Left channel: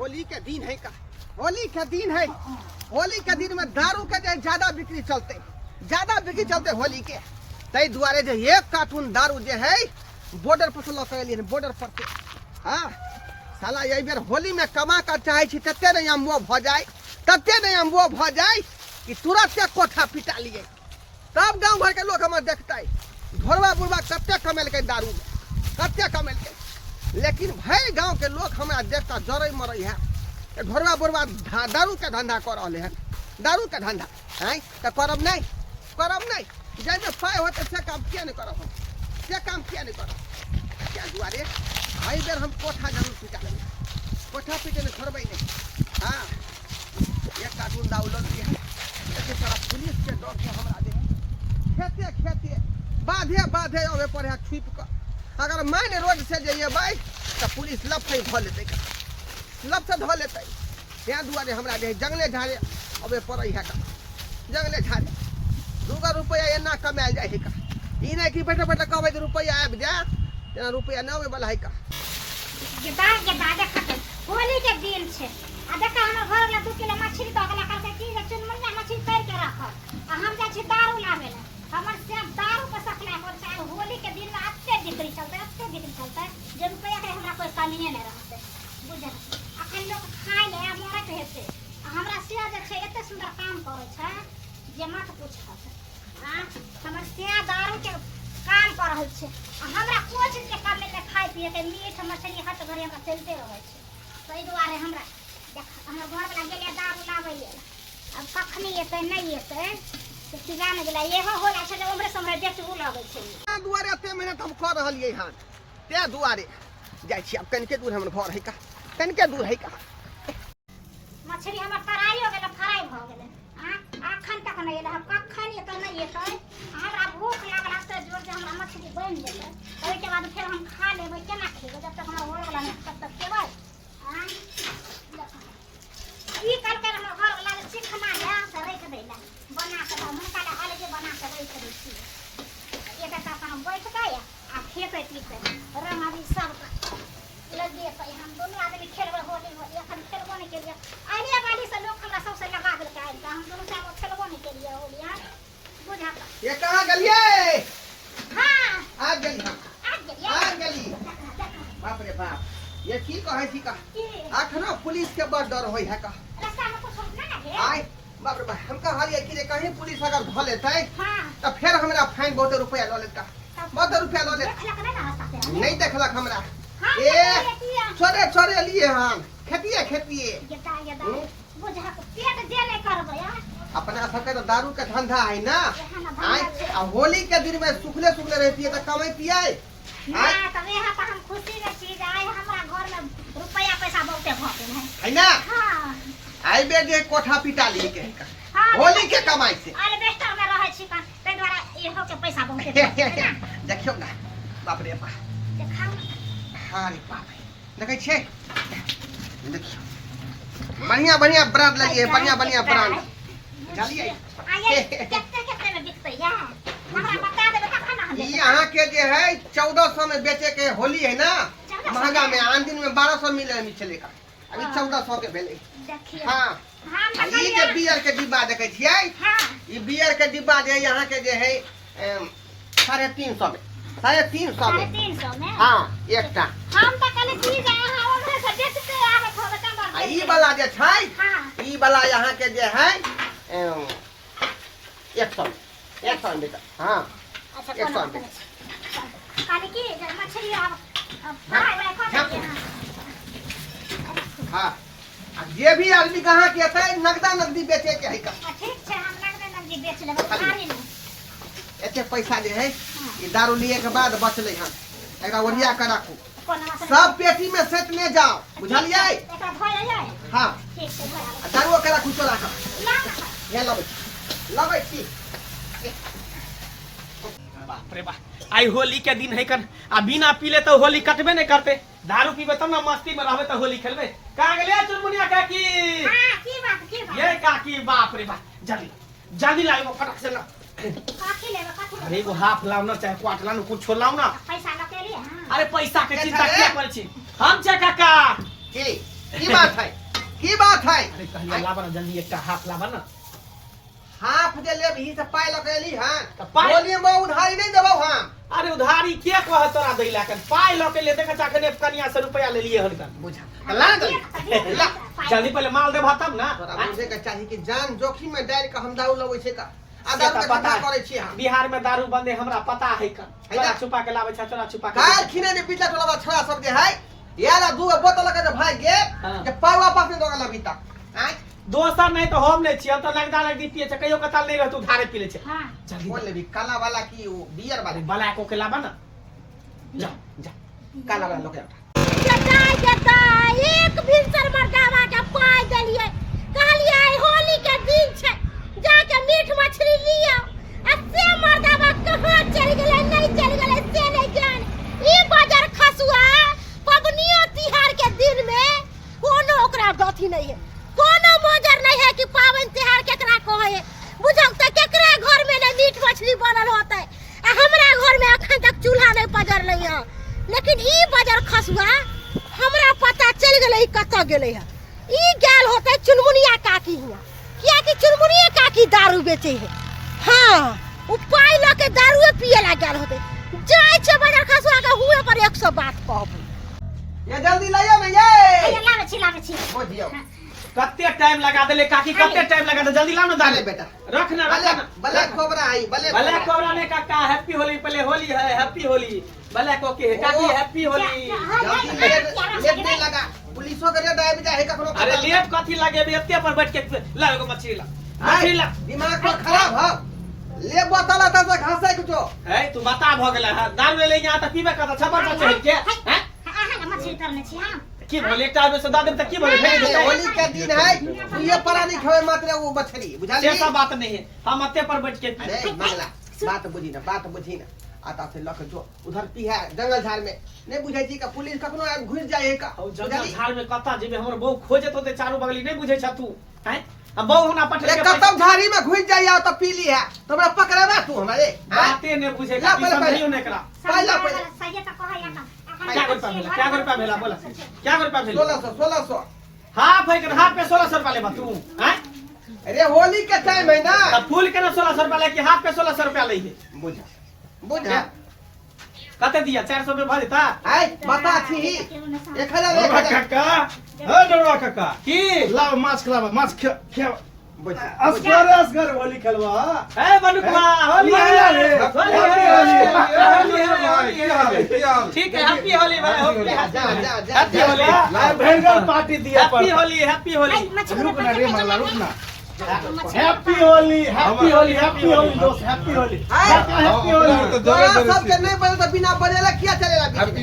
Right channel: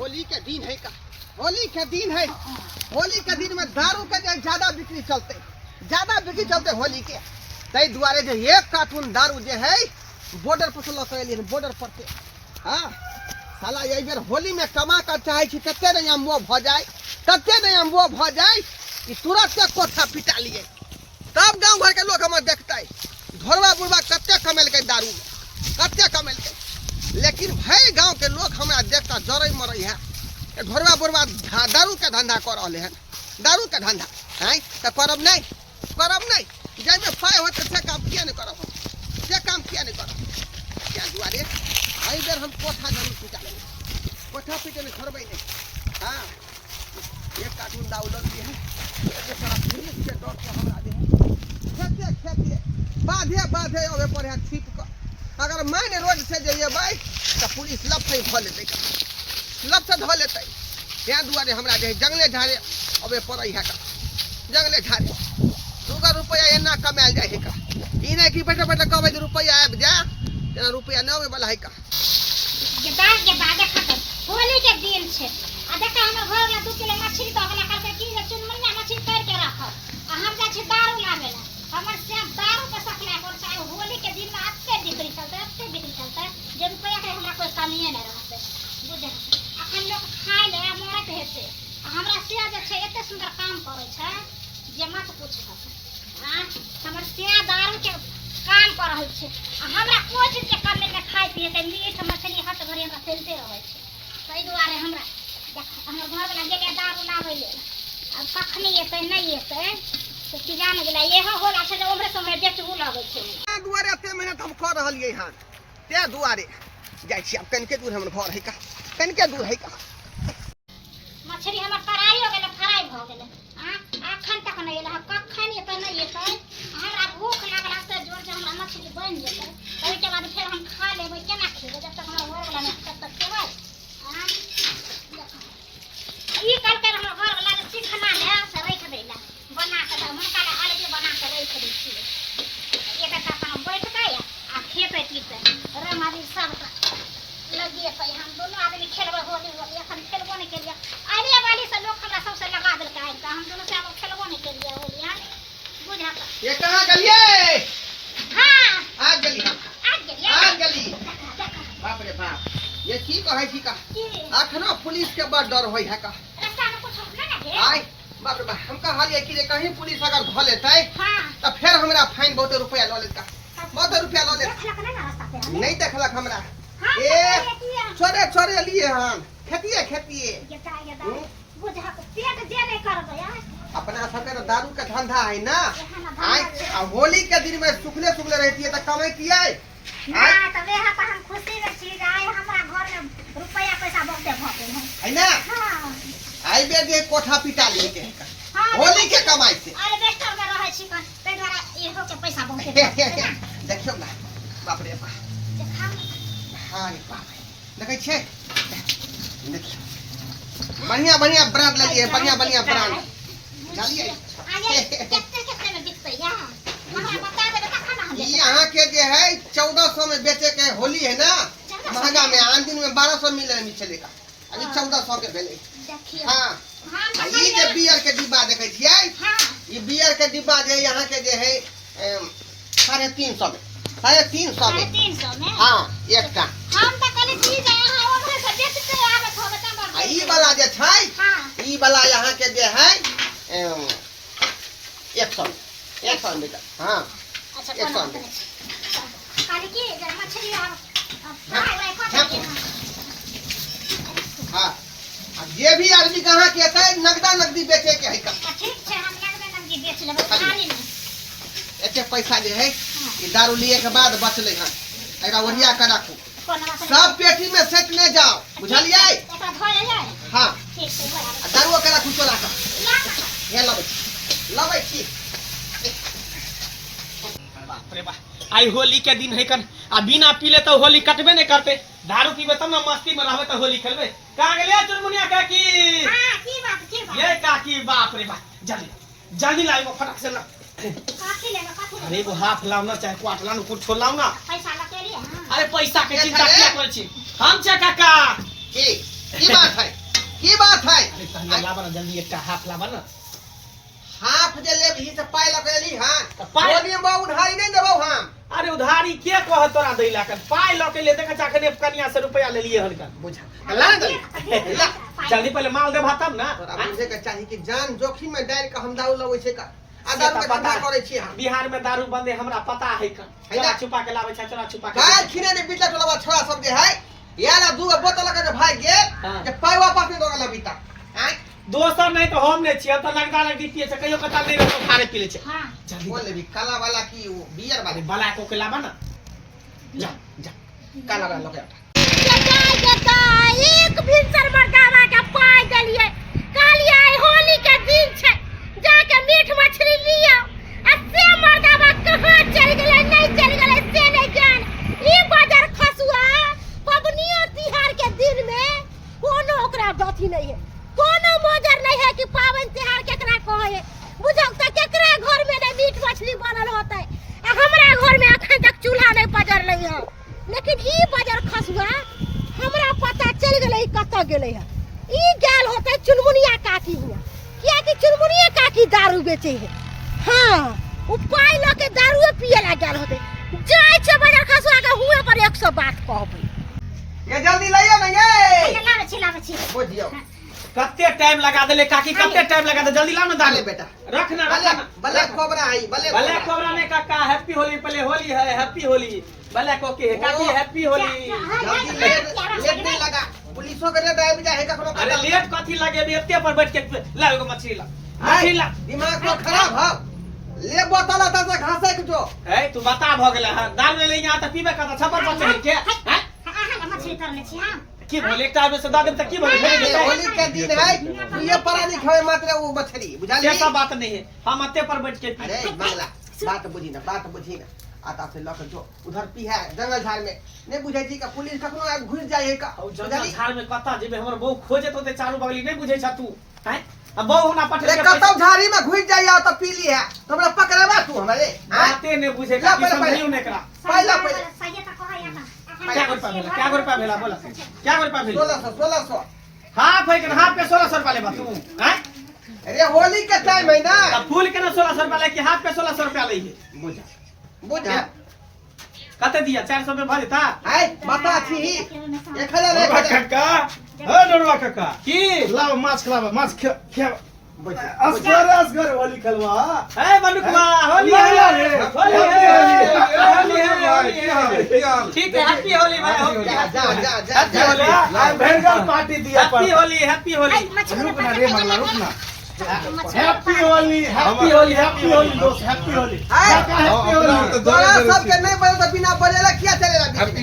होली के दिन है का, होली के दिन है। होली के दिन में दारू के जो ज्यादा बिक्री चलते होली के तई दुआरे जो एक कार्टून दारू जो है बॉर्डर पर से बॉर्डर पर से। हाँ साला ये बेर होली में कमा कर चाहे तते नहीं हम वो भ जाए कि तुरंत के कोठा पिटा लिए। तब गांव भर के लोग हमें देखता है घोरवा बुढ़वा कते कमेल के दारू में, कते कमेल के। लेकिन भाई गांव के लोग हमारा देखता जरई मरई है घोरवा बुढ़वा दारू के धंधा कर रहे हैं, दारू के धंधा है तो करब नहीं जैसे पाए होते से काम किया नहीं करब, क्या दुआरे भाई बेर हम कोठा जरूर पिटा लेंगे, कोठा पीटे में छोड़बे नहीं। हाँ एक कार्टून दारू लग दिया है सारा पुलिस के डर से हमरा दे खेते बाधे अबे पर है छिप कर। अगर मैंने रोड से जाइए भाई तो पुलिस लब से धो लेते, त्या दुआरे हमरा दे जंगले झाड़े अबे पर है का, जंगले झाड़े 2 रुपया एना कमाल जाए का। ई नहीं कि बैठे कहबे रुपया आबि जा तेना रुपया न आवे वाला है का। होली के दिन छे आ देखा हमर घर ला 2 किलो मछली तो अगला करके की जे चुनमुनिया मछली कर के रखब आ हम जा छी दारू लावे ला। हमर से दारू के सकला पर चाहे होली के दिन में अत्ते बिक्री चलते जे रुपया के हमरा कोई कमी नहीं रहते बुझा। अखन लोग खाय ले मरत हेते हमरा से जे छै एते सुंदर काम करे छै जे मत पूछब। हां हमर से दारू के काम कर रहल छै हमरा कोई चीज के कमी में खाय पिए के मीठ मछली हट घरे हमरा चलते रहे छै। तै दुआरे हमरा हमर घर वाला गेले दारू लावे ले अब कखनी एते नहीं एते तो की जाने गेला एहो होला छै जे उम्रे समरे बेचबू लागे छै। ते दुआरे एते मेहनत हम कर रहलिए हन ते दुआरे जाय छी। अब कनके दूर हमर घर है का, कनके दूर है का। मछली हमर तराई हो गेले, फ्राई भ गेले। हां अखन तक नहीं एले, कखन एते नहीं एते हमरा भूख लागला से जोर जे हमरा मछली बन जेते ओइ के बाद फिर हम खा लेबै। केना खेबै जब तक हमर घर वाला नहीं तब तक खेबै। हां ई कल कर हमर घर वाला ने चिखना ले से रख देला बना के हुनका ले अलगे बना के रख दै छी। एक एक अपन बैठ गए आ खेते पीते रंगादी सब लगिए पे हम दोनों आदमी खेलबे होली। एखन खेलबो नहीं केलिए आइले वाली से लोग हमरा सबसे लगा देल के आइल हम दोनों से हम खेलबो नहीं केलिए होली। हां बुझा ये कहां गलिए? हां आ गली बाप रे बाप ये की कहै छी का अखनो पुलिस के बड़ डर होय है का। रास्ता में कुछ ना लगे आय बाप रे बाप हम कहलिए कि कहीं पुलिस अगर ध लेतै हां तो फिर हमरा फाइन बहुत रुपया ल लेता, बहुत रुपया ल ले। देखलक ना रास्ता से नहीं देखलक हमरा। हां ए छोरे लिए हम खेतिए बुझा पेट जे नहीं करबै। यार अपना सबके तो दारू के धंधा है ना। आय आ होली के दिन में सुखले रहती है तो कमाइतिए ना तो वे है हम खुशी के चीज आए हमरा घर में रुपया पैसा बहुते भते है ना। हां आई बे दे कोठा पिटा लिए के हां होली के कमाई से अरे बेस्टर में रहै छी कन तै द्वारा इहो के पैसा बहुते देखियो ना बाप रे बाप देखाओ। हां रे बाप देखै छै देखियो बढ़िया ब्रांड लगी है, बढ़िया ब्रांड जालिए कितने में बिकते या हमरा बता देबे तखन ना हम ई यहां के जे है 1400 में बेचे के होली है ना महंगा में। आन दिन में 1200 मिले चलेगा, अभी 1400 के भेले। देखिए हां ई जे बियर के डिब्बा देखै छियै हां ई बियर के डिब्बा जे यहां के जे है 350 में 350 में हां एकटा। हम त कहले चीज अहाँ ओकरे से बेचते आबत होबे त ई वाला जे छै हां ई वाला यहां के जे है 100 में बेटा। हां अच्छा 100 में काले की जे मछली अब फ्राई कर दिए। हां आ जे भी आदमी कहां के छै नगदी बेचे के है का। ठीक छै हम नगदी बेच लेबै खाली नहीं एते पैसा जे है ई दारू लिए के बाद बचले हन एकरा ओढ़िया के राखू कोना सब पेटी में सेट ले जाओ बुझलिए। एकरा धोय जाय हां ठीक छै धोय आ दारू के राखू तो राख हे लबै छी। बाप रे बाप आई होली के दिन है कन आ बिना पीले तो होली कटबे नहीं करते। दारू पीबे तब ना मस्ती में रहबे तो होली खेलबे। कहां गेलिए चुनमुनिया काकी? हां की बात ये काकी बाप रे बाप जल्दी लाओ फटक से ना। काकी लेबे अरे वो हाफ लाओ ना चाहे क्वार्टर लाओ कुछ छोड़ लाओ ना। पैसा लगे लिए। अरे पैसा के चिंता क्या करे छी हम छे काका की की बात है की बात है अरे कहलिए लाबा ना जल्दी एकटा हाफ लाबा ना हाफ जे लेब ही से पाई लगेली हां तो पाई- बोलिए बा उधारी नहीं देबो हम अरे उधारी के कह तोरा दैला कन पाई ल के ले देखा जाके कन्या से रुपया ले लिए हलकन बुझा ला दे ला जल्दी पहले माल देबा तब ना तोरा बुझे के चाही कि जान जोखिम में डाल के हम दारू लबै छै का आ दारू के धंधा करे छी हम बिहार में दारू बंदे हमरा पता है का है ना? चोरा छुपा के लावे चोरा छुपा के काल खिने ने बिटला टोला छोरा सब जे है याला दू बोतल के भाई गे हाँ। जे पाई वापस नहीं दोगला बीता आय दोसर नहीं तो हम नहीं छियै तो लगदा लगदी पिए छै कहियो कताल नहीं रहतो थारे पी ले छै हाँ जल्दी बोल ले भी काला वाला की वो बियर वाले बला को के लाबा ना जा जा काला वाला लोग एक भिनसर मर्दावा के पाई देलिए कालिया होली के दिन छै जाके मीट मछली लियो आ से मर्दावा कहां चल गेलै नहीं चल गेलै से नहीं जान ई बाजार खसुआ पबनियो तिहार के दिन में कोनो ओकरा गति नहीं है कोनो मोजर नहीं है कि पावन तिहार केकरा कहे है बुझौ त केकरा घर में नहीं मीट मछली बनल होतै आ हमरा घर में अखन तक चूल्हा नहीं पजर नहीं है लेकिन ई बाजार खसुआ हमरा पता चल गेलै कत गेलै है ई गेल होतै चुनमुनिया काकी हिया किया कि चुनमुनिया काकी दारू बेचे है हां उ पाई ल के दारू पिए ला गेल होतै जाय छै बाजार खसुआ के हुए पर 100 बात कहबो ये जल्दी लाइयो ना ये लावे छी बुझियो कते टाइम लगा देले काकी कते टाइम लगा दे जल्दी ला ना डाले डाले बेटा रख ना भले रख ना भले कोबरा आई भले भले कोबरा ने काका हैप्पी होली पहले होली है हैप्पी होली भले को के काकी हैप्पी होली जल्दी लेट नहीं लगा पुलिसों के रेड आबि जाए कखनो अरे लेट कथी लगे बे एते पर बैठ के ला एगो मछली ला हाय, मछली ला दिमाग तो खराब हो ले बोतल आता से घासे के जो है तू बता भ गेले है दारू ले यहां त पीबे का छपर पर चढ़ के हैं मछली करने छी हम की बोले एकटा आदमी से दादम तक की बोले भेज ये देता होली के दिन है ये परा नहीं खावे मात्र वो मछली बुझा ली ऐसा बात नहीं है हम अते पर बैठ के पी अरे मंगला बात बुझी ना आता से लख जो उधर पी है जंगल झाड़ में नहीं बुझे छी का पुलिस कखनो आब घुस जाए का और बुझा जंगल ली झाड़ में कता जेबे हमर बहु खोजे तो चारू बगली नहीं बुझे छ तू हैं अब बहु होना पटले के कतौ झाड़ी में घुस जाइए तो पी ली है तो हमरा पकड़ावा तू हमारे बातें नहीं बुझे ला, की पहले, समझियो नहीं करा पहले सही त कह या क्या रुपया भेला क्या रुपया भेला बोला क्या रुपया भेला 1600 हां भाई हां पे 1600 रुपया ले बा तू हैं अरे होली के टाइम है ना अब फूल के ना 1600 रुपया ले के हाथ पे 1600 रुपया ले बुझा कते दिया 400 में भर देता है बता छी 1000 काका हो डरवा काका की लाव माछ खलावा माछ खे बुझा असगर होली खेलवा ए बनुकवा होली लाया रे ठीक है हैप्पी होली भाई होली जा हैप्पी होली भेड़गल पार्टी दिया हैप्पी होली हैप्पी होली रुक ना रे मंगला रुक ना happy Holi happy Holi happy Holi दोस्त हैप्पी होली काका हैप्पी होली तोरा सबके नहीं बोले तो बिना बोलेला क्या चलेगा हैप्पी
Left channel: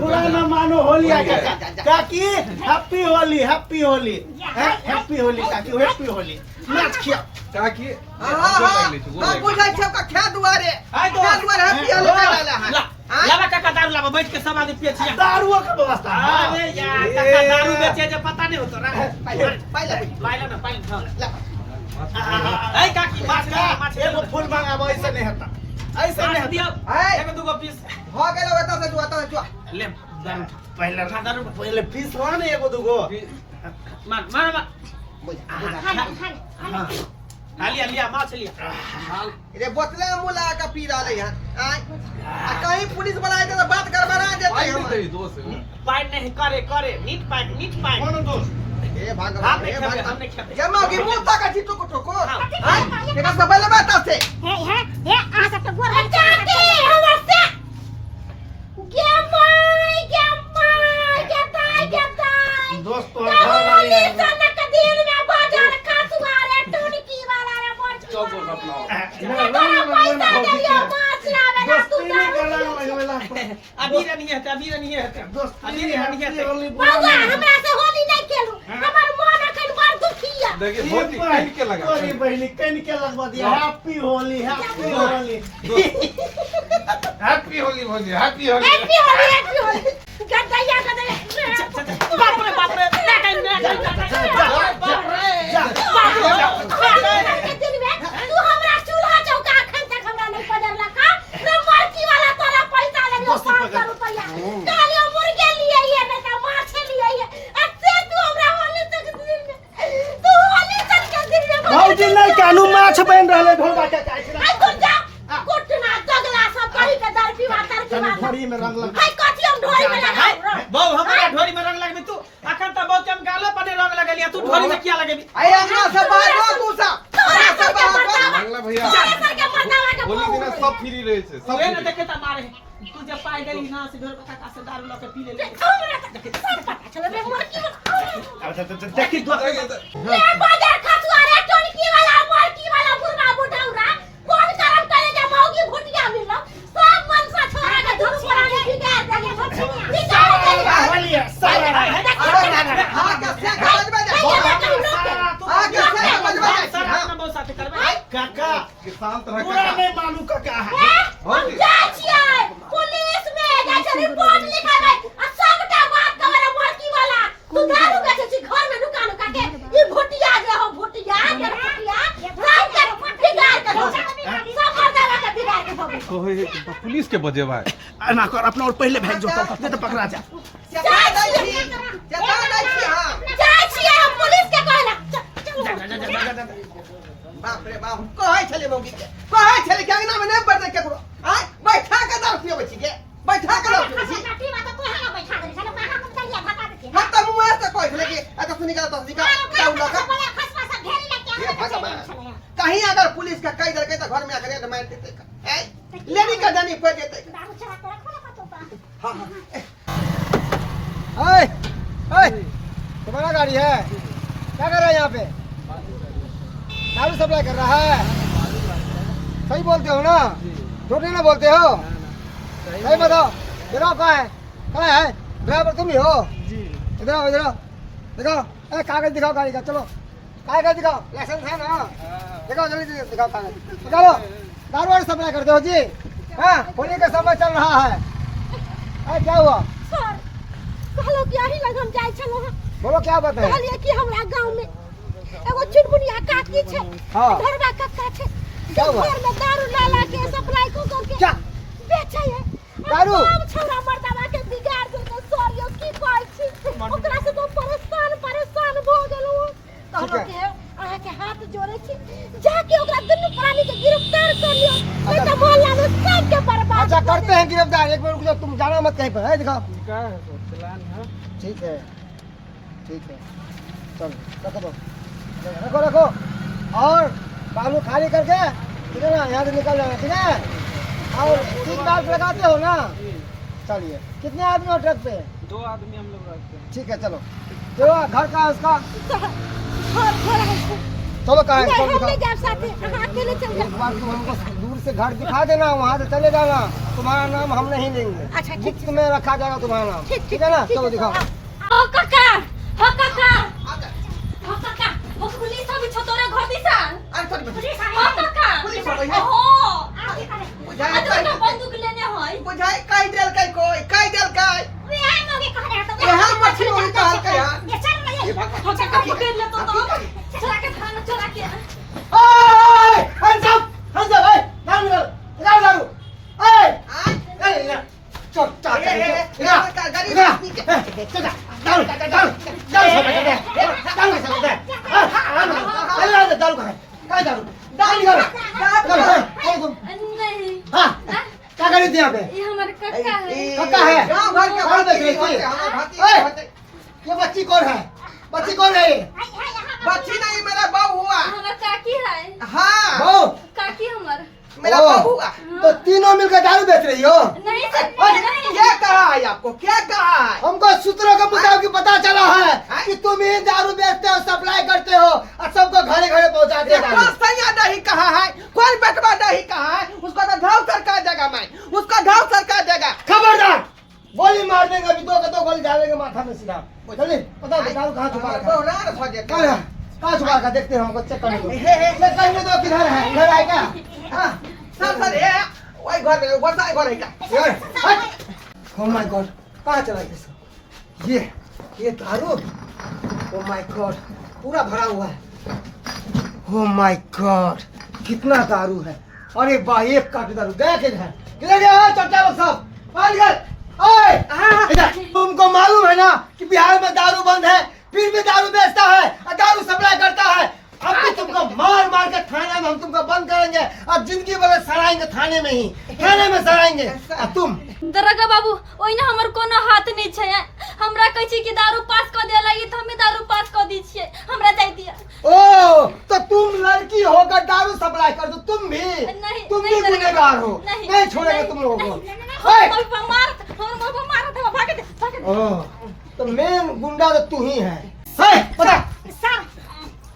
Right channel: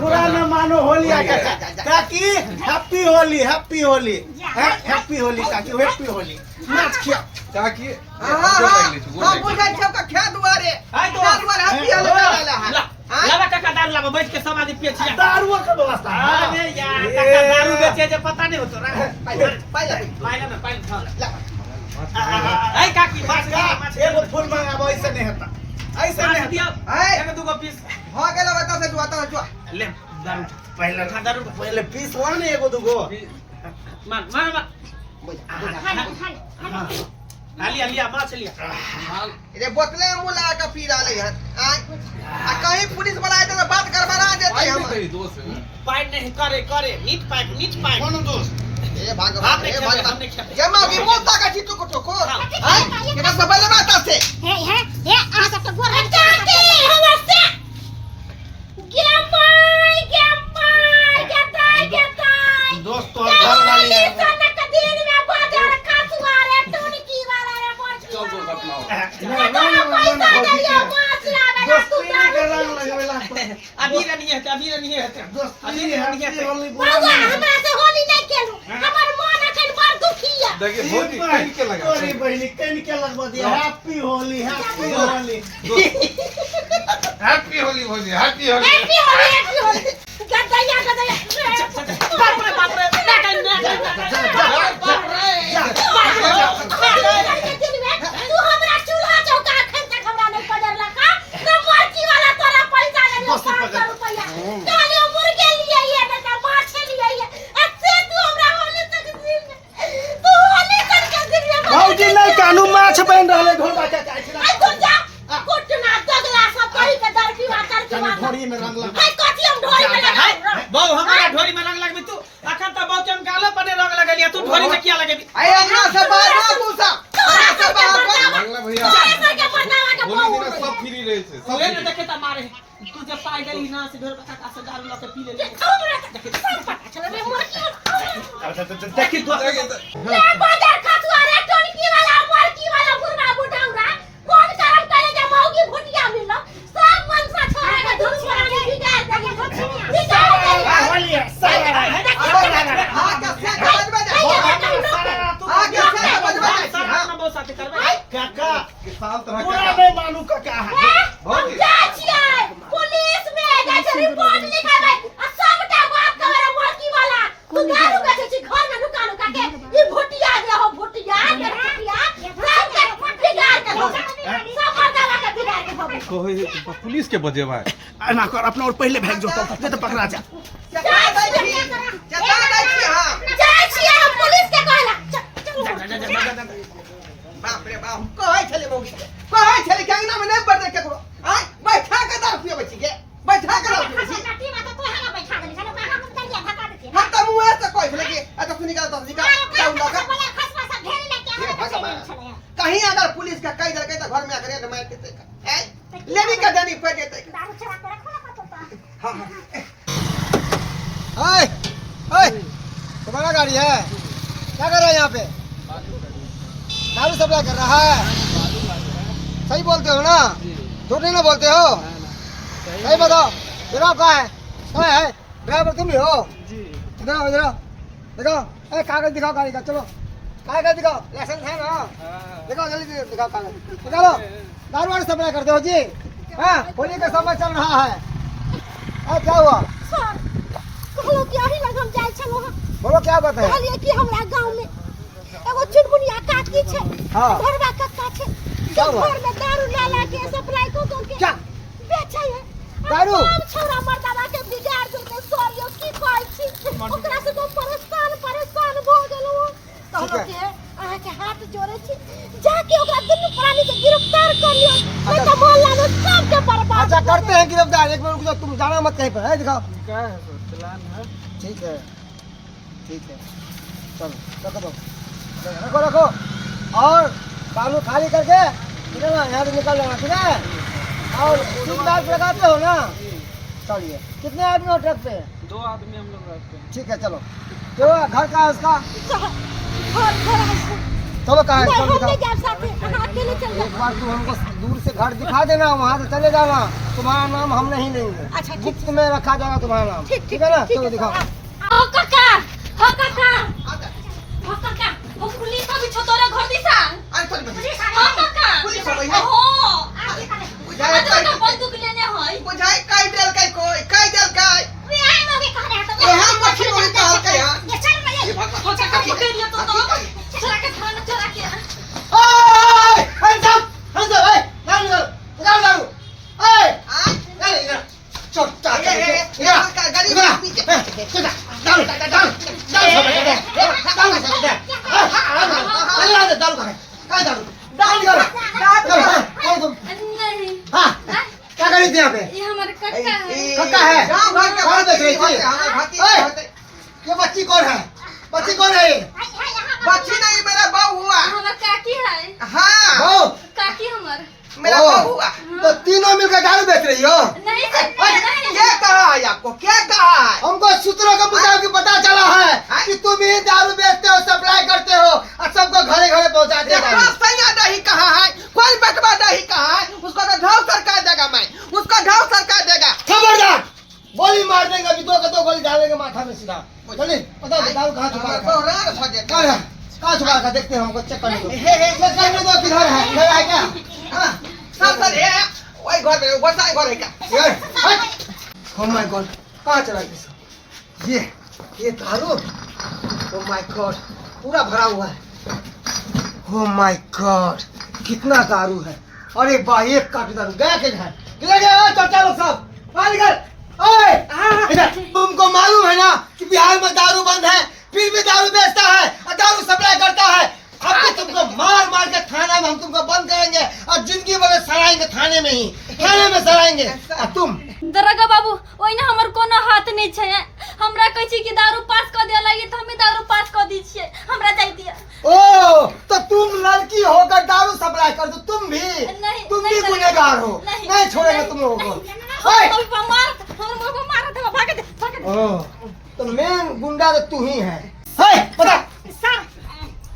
बुरा न मानो होली आ काका काकी हैप्पी होली हैप्पी होली काकी हैप्पी होली नाच खिया काकी हां बुझा छ का ख्या दुआरे हाय तो ख्या दुआरे हैप्पी होली ला लावा काका दारू लावा बैठ के सब आदमी पिए छिया दारू का व्यवस्था अरे यार काका दारू बेचे जे पता नहीं होतो रा पहले पाइला ना पाइला ला ए काकी माछ एगो फूल मांगाबो ऐसे नहीं होता ऐसे नहीं दिया है एगो दुगो पीस हो गेलो बता से तू ले दारू पहले खा दारू पहले पीस वा ने एगो दुगो मार मार मार बुझा लिया लिया माछ लिया रे बोतले मुला का पी रहा है आ कहीं पुलिस वाला आए तो बात गड़बड़ा देते हम पाइप नहीं करे करे नीट पाइप कौन दोस्त ए भाग हम नहीं खेपे हम नहीं खेपे जमा की मुल्ता का चित्त को ठोको हां केना सब ले बात से हे आ सब तो गोर चाहते हमर से गेमाई दोस्त तो घर वाली है सनक दिन में बाजार खसुआ रे टुनकी वाला रे बोल चल दो अपना दोस्ती नहीं करना लगेला अभी नहीं है अभी नहीं है बाबा हमरा से होली नहीं खेलू हमर मन अखन बड़ दुखिया देखिए होली कहीं के लगा तोरी बहनी कन के लगवा दिया happy Holi happy Holi happy Holi गदया बाप रे तू हमरा चूल्हा चौका अखन तक हमरा नहीं पड़ला का नंबर की वाला तोरा पैसा ले 500 रुपया काले मुर्गे लिए ये ना माछ लिए ये अच्छे तने ढोरी में रंग लगा हाय कथी हम ढोरी में लगाई बहु हमारा ढोरी में रंग लगबी तू अखन त बहु के हम गालो पर रंग लगलिया तू ढोरी में किया लगेबी आई अंगना से बाहर ना तू सा अंगना से बाहर ना। मंगला भैया सर के मरदावा के होली दिन सब फ्री रहे छे सब ओए न free। देखे त मारे तू जे पाई गली ना से घर बता से दारू ल के पी ले चलो रे मोर की देखी तू ले बाजार खसुआ रे टोनकी वाला मोरकी वाला बुढ़ा बुढ़ाउरा कौन करम करे जे मौगी भुटिया मिललो सब मन से छोरा के धुर पर आके बिगाड़ देगे बिगाड़ देगे होली है सारा हां का से बजबे जा आगे से बजबे सर जा। अपना बहुत साथे करबे काका किसान तरह पूरा का में मालूम काका है हम जाय छियै पुलिस में जाय छै रिपोर्ट लिखाबे आ सबटा बात करे मोरकी वाला तू दारू बेचे छी घर में नुका नुका के ई भुटिया जे हो भुटिया के भुटिया सब के बिगाड़ के हो सब मर्दावा के बिगाड़ के हो कोई पुलिस के बजे भाई ना कर अपना और पहले भेज जो तो पकड़ा जा चता दै छी हां जाय छियै हम पुलिस के कहला चलो बाप रे बाप कहै छले मौगी के कहै छले कि अंगना में नहीं बैठे केकरो आय बैठा के दारू पियो छी के बैठा के दारू पियो छी नटी में तो तोहरा बैठा देली चलो कहां हम चलिए धक्का देती हम त मुंह से कहै छले कि आ तो निकाल दारू लगा बोले खसमा सब ढेरी लेके ये आ भगवान कहीं अगर पुलिस का कह देलकै त घर में आकर मार देतै हैं लेनी का जानी पड़ जेतै दारू चढ़ा के रखो ना पतो हां हाय हाय तुम्हारा गाड़ी है क्या कर रहा है यहाँ पे दारू सप्लाई कर रहा है सही बोलते हो ना झूठ नहीं ना बोलते हो सही बताओ ड्राइवर कहाँ है ड्राइवर तुम ही हो इधर आओ दिखाओ ए कागज दिखाओ गाड़ी का चलो कागज दिखाओ लाइसेंस है ना दिखाओ जल्दी दिखाओ कागज निकालो दारू वारू सप्लाई करते हो जी हाँ होली का समय चल रहा है क्या हुआ सर कहलो कि आही लग हम जाय छलो बोलो क्या बात है कहलिए कि हमरा गांव में एगो चुनमुनिया काकी छै हाँ। घरवा कक्का छै क्या सब हुआ? घर में दारू ला के सप्लाई को के क्या? बेचै है दारू? हम छोरा मर्दावा के बिगाड़ देलकै सरियो की कहै छी ओकरा से तो परेशान भ गेलौ कहलो ठीक कि अहाँ के हाथ जोड़े छी जाके ओकरा दुनू प्राणी के गिरफ्तार कर लियो नहीं तो मोहल्ला में सब के बर्बाद अच्छा करते हैं गिरफ्तार एक मिनट रुको तुम जाना मत कहीं पर है दिखाओ ठीक है चलो रखो दो रखो और कानून खाली करके ठीक है ना यहाँ से निकल जाना ठीक है और सीट बेल्ट लगाते हो ना चलिए कितने आदमी हो ट्रक पे 2 आदमी हम लोग रहते हैं ठीक है चलो जो घर का है उसका घर है चलो कहाँ है नहीं चलो हम नहीं दिखाओ जा सकते अहाँ अकेले चल जाओ एक बार तुम हमको दूर से घर दिखा देना वहाँ से चले जाना तुम्हारा नाम हम नहीं लेंगे अच्छा, ठीक गुप्त में रखा जाएगा तुम्हारा नाम ठीक है ना चलो दिखाओ ओ काका ओ काका ओ पुलिस भी छोटोरे घर दिसा आई थोड़ी बस ओ काका पुलिस हो गई है हो बुझाए तो बंदूक लेने होय बुझाए कई देल कई कोई कई देल कई बिहार में के कह रहे तो यहाँ मछली वही तो हल्का है ये चल ना ये हो काका पकड़ ले तो चला के खाना चला के ओए hands up ए दारू दारू ए चल चल गाड़ी नहीं क्या करी थी यहाँ पे ये हमारे काका है काका है गांव घर के कौन बेच रही थी ओए, भाती ये बच्ची कौन है बच्ची कौन है ये? बच्ची नहीं मेरा बहू हुआ हमारा काकी है हाँ बहू काकी हमार मेरा ओ, बहू हुआ तो तीनों मिलकर दारू बेच रही हो नहीं सर नहीं क्या कहा है आपको क्या कहा है हमको सूत्रों के मुताबिक पता चला है कि तुम ही दारू बेचते हो सप्लाई करते हो और सबको घरे घरे पहुंचाते हो दारू। सैया नहीं कहा है कोई बटवा नहीं कहा है उसका तो घाव सरकार देगा मैं उसका घाव सरकार देगा खबरदार गोली मार देंगे अभी दो गोली डालेंगे माथा में सीधा चलिए पता दारू कहाँ छुपा रखा है? बोहरान हो गया कहाँ है कहाँ छुपा रखा देखते हैं हमको चेक करने दो हे, हे। चेक करने दो किधर है इधर आए क्या हाँ, चल ये वही घर में वर्षा घर है क्या ओह माय गॉड कहाँ चला गया सब? ये दारू ओह माय गॉड पूरा भरा हुआ है ओह माय गॉड कितना दारू है अरे वाह एक काट दारू गया किधर गया चचा लोग सब बाहर निकल ओए इधर। तुमको मालूम है ना कि बिहार में दारू बंद है फिर भी दारू बेचता है और दारू सप्लाई करता है अब भी तुमको मार के थाना में हम तुमको बंद करेंगे और जिंदगी भर सड़ाएंगे थाने में सड़ाएंगे और तुम दरोगा बाबू ओइना हमर कोनो हाथ नहीं छै। हमरा कहै छी कि दारू पास क दे लागी तो हमें दारू पास क दी छियै। हमरा जाय दिया। ओ तो तुम लड़की होकर दारू सप्लाई कर दो, तुम भी नहीं, तुम नहीं भी करेंगे। गुनहगार हो। नहीं, नहीं छोड़ेंगे तुम लोगों को। ओए! मार भाग दे। ओ, तो मेन गुंडा तो तू ही है। बता। सर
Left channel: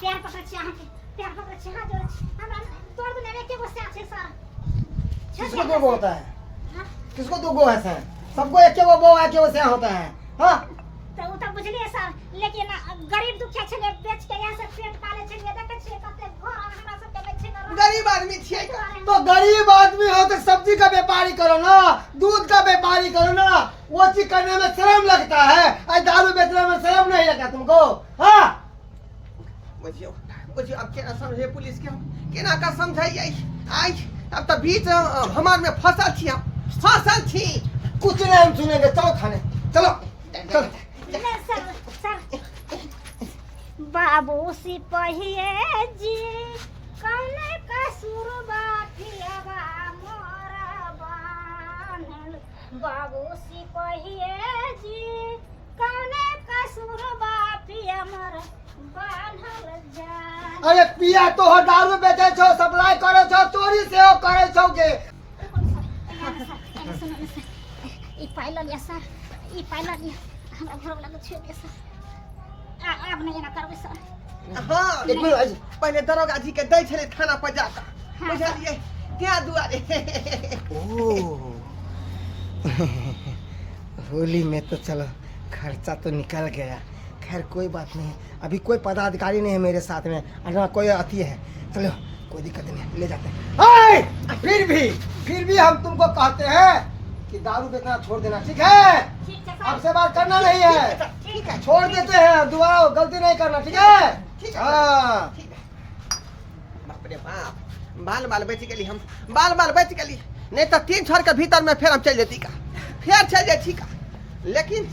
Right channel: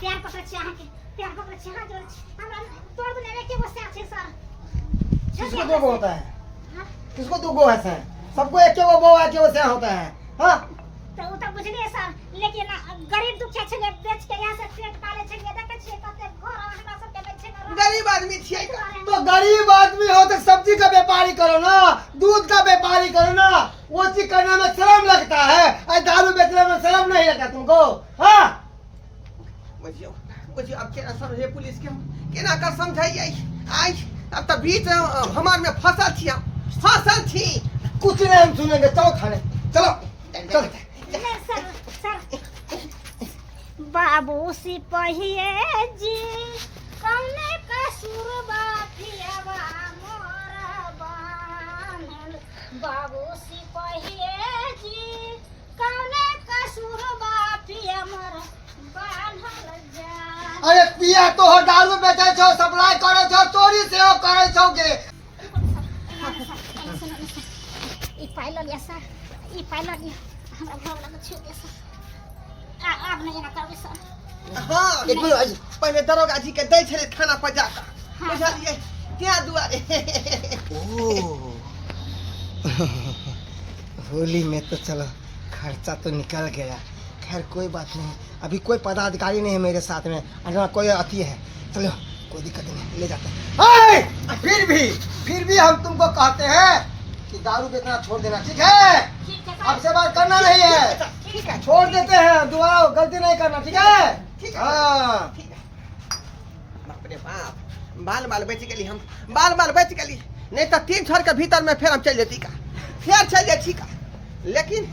प्यार पकड़ छी अहाँ के प्यार पकड़ छी हां जोर छी हमरा तोड़ दने में के गुस्सा छै सर। किसको दो गो होता है? किसको दो गो है सर? सबको एक वो बो है, वो से होता है। हाँ तो उ त बुझलिए सर, लेकिन गरीब दुखिया छले बेच के यहाँ से पेट पाले छले देखे छियै कते घर हमरा सब के बेच के गरीब आदमी छियै का। तो गरीब आदमी हो तो सब्जी का व्यापारी करो ना, दूध का व्यापारी करो ना। वो चीज करने में शर्म लगता है, और दारू बेचने में शर्म नहीं लगता तुमको? हाँ बुझियो बुझियो अब केना समझे पुलिस के, केना का समझाइए। आई अब तो बीच हमार में फसल छी। कुछ नहीं हम सुनेंगे, चलो थाने चलो चलो। सर सर बाबू सिपहिए जी कौने कसूर बाथियावा मोरा बानल। बाबू सिपहिए जी कौने कसूर बाथिया मोरा बानल जा। अरे पिया तो हो, दारू बेचे छो, सप्लाई करे छो, चोरी से हो करे छो के। ई पाइल लिया सर, ई पाइल लिया हमरा घर वाला के छे दिया सर। आप नहीं ना करबे सर। हाँ एक मिनट आई। पहले दरोगा जी के दै छले थाना पर जाकर, हाँ। बुझलिए क्या दुआरे। होली में तो चलो खर्चा तो निकल गया। खैर कोई बात नहीं, अभी कोई पदाधिकारी नहीं है मेरे साथ में, और कोई अति है। चलो कोई दिक्कत नहीं, ले जाते हैं। फिर भी हम तुमको कहते हैं कि दारू बेचना छोड़ देना, ठीक है? ठीक है अब से बात करना नहीं है, ठीक है छोड़ देते हैं, दोबारा गलती नहीं करना, ठीक है? ठीक है। हाँ ठीक है। बाप रे बाप, बाल बच गली, हम बाल बच गली। नहीं तो 3 साल के भीतर में फिर हम चल जेती का, फिर चल जाती का। लेकिन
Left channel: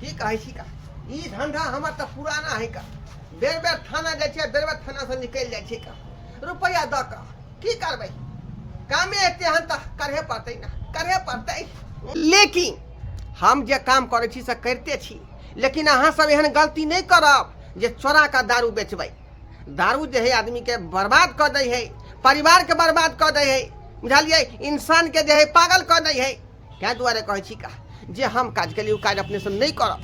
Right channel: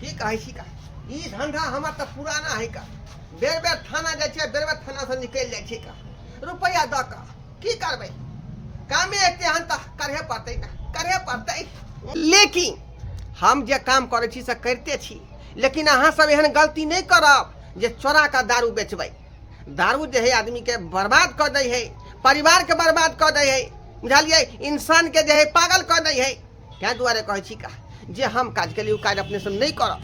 की कहे छी का, ई धंधा हमार तो पुराना है का। बेर बेर थाना जाए छे, बेर बेर थाना से निकल जाए छे का, रुपया द का की करबे। कामे एते हन त करहे पड़ते ना, करहे पड़ते। लेकिन हम जे काम करे छी से करते छी, लेकिन अहाँ सब एहन गलती नहीं करब जे चोरा का दारू बेचबै। दारू जे है आदमी के बर्बाद कर दे है, परिवार के बर्बाद कर दे है, बुझलिए? इंसान के जे है पागल कर दे है। क्या दुआरे कहे छी का जे हम काज के लिए काज अपने से नहीं करब।